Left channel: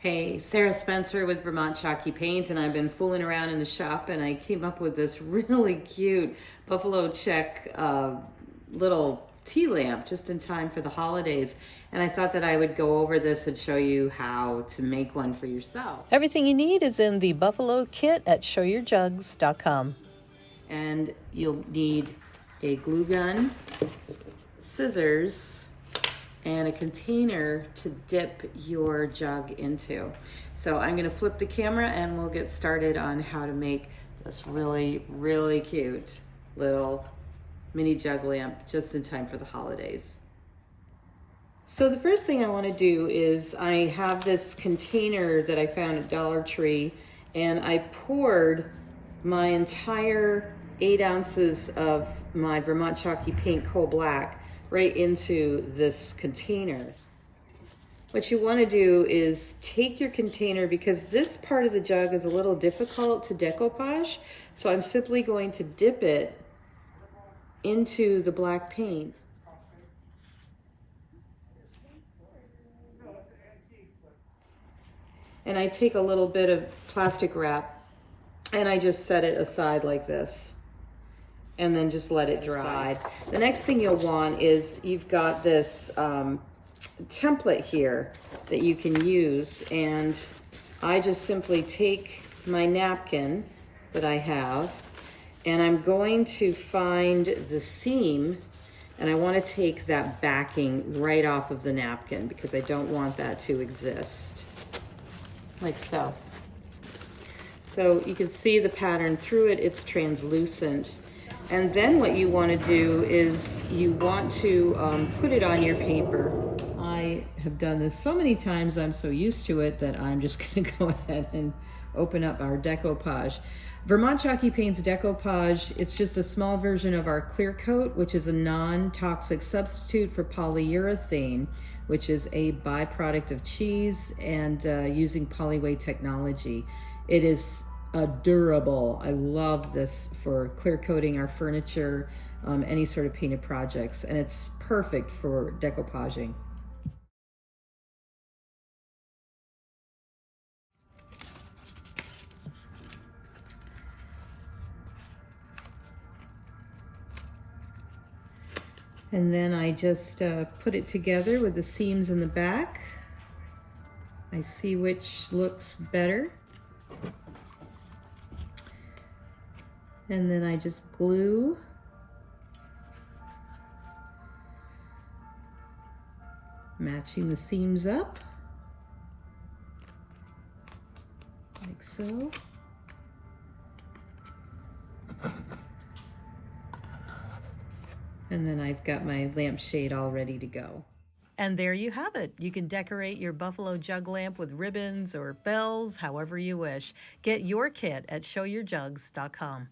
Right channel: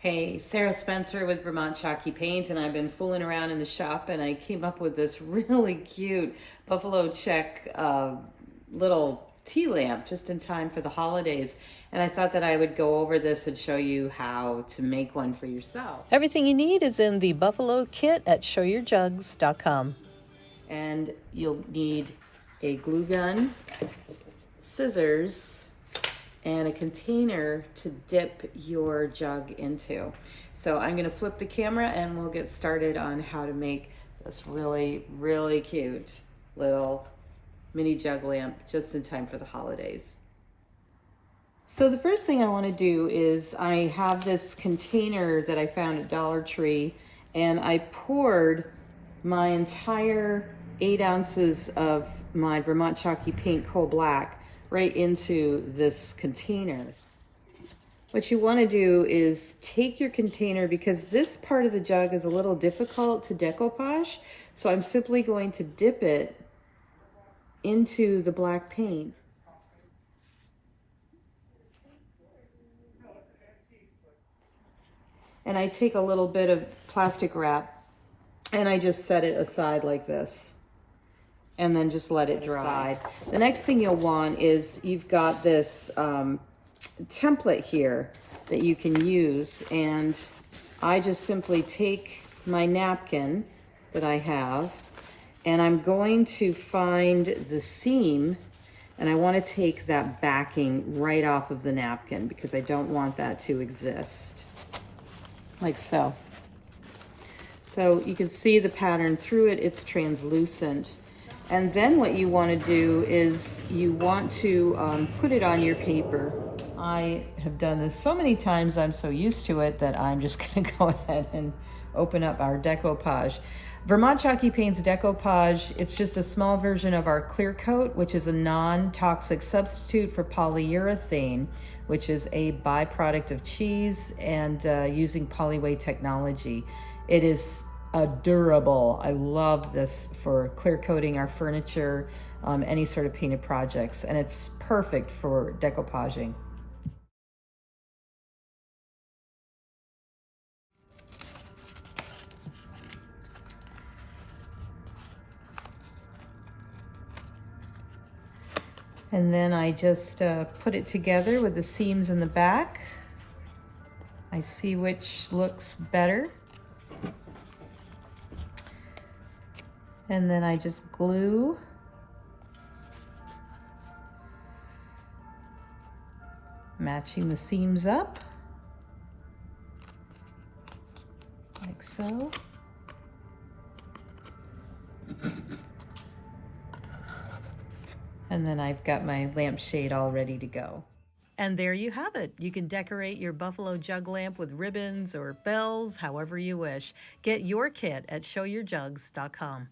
Hey, Sarah Spencer with Vermont Chalky Paint, and I've been fooling around in the shop and I came up with this really cute buffalo check little tea lamp just in time for the holidays. And I thought that I would go over this and show you how to make one for yourself. Everything you need is in the Buffalo kit at showyourjugs.com. And you'll need a glue gun, scissors, and a container to dip your jug into. So I'm gonna flip the camera and we'll get started on how to make this really, really cute little mini jug lamp just in time for the holidays. So the first thing I want to do is I have this container that I found at Dollar Tree, and I poured my entire 8 ounces of my Vermont Chalky Paint Coal Black right into this container. What you want to do is take your container, because this part of the jug is a little difficult to decoupage, so I'm simply going to dip it into the black paint. And I take a little bit of plastic wrap and I just set it aside like this, and then just let it dry. The next thing you'll want is you've got this template here that you can use, and I just simply take my napkin that I have and I'm going to find the seam, and I want to take that backing right off of the napkin because I don't want that to exist. Like so. So you can see the pattern through it, it's translucent. And then what you want to do is you want to put it on your paper. I have done this so many times, I'm so used to it that I'm just going to go ahead and open up our decoupage. Vermont Chalky Paint's decoupage, it's just a small version of our clear coat, which is a non-toxic substitute for polyurethane, which is a byproduct of cheese and using Polyway technology. It is durable. I love this for clear coating our furniture, any sort of painted projects, and it's perfect for decoupaging. And then I just put it together with the seams in the back. I see which looks better. And then I just glue matching the seams up like so. And then I've got my lampshade all ready to go. And there you have it. You can decorate your Buffalo jug lamp with ribbons or bells, however you wish. Get your kit at showyourjugs.com.